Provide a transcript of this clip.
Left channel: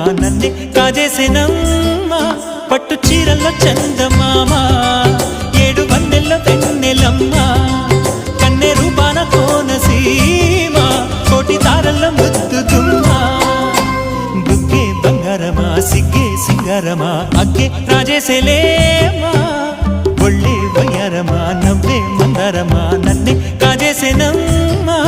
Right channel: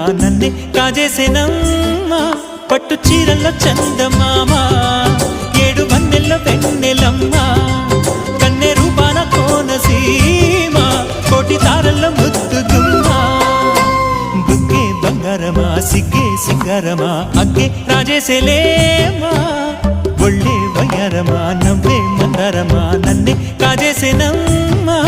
నన్నే కాజేసేనమ్మా పట్టు చీరల్లో చందమామ ఏడు వన్నెల్ల వెన్నెలమ్మ కన్నె రూపాన కోనసీమ కోటి తారల్ల ముద్దు గుమ్మ బుగ్గే బంగారమా సిగ్గే సింగారమా అగ్గే రాజేసేలేమా ఒళ్ళే వయ్యారమా నవ్వే మందారమా నన్నే కాజేసేనమ్మా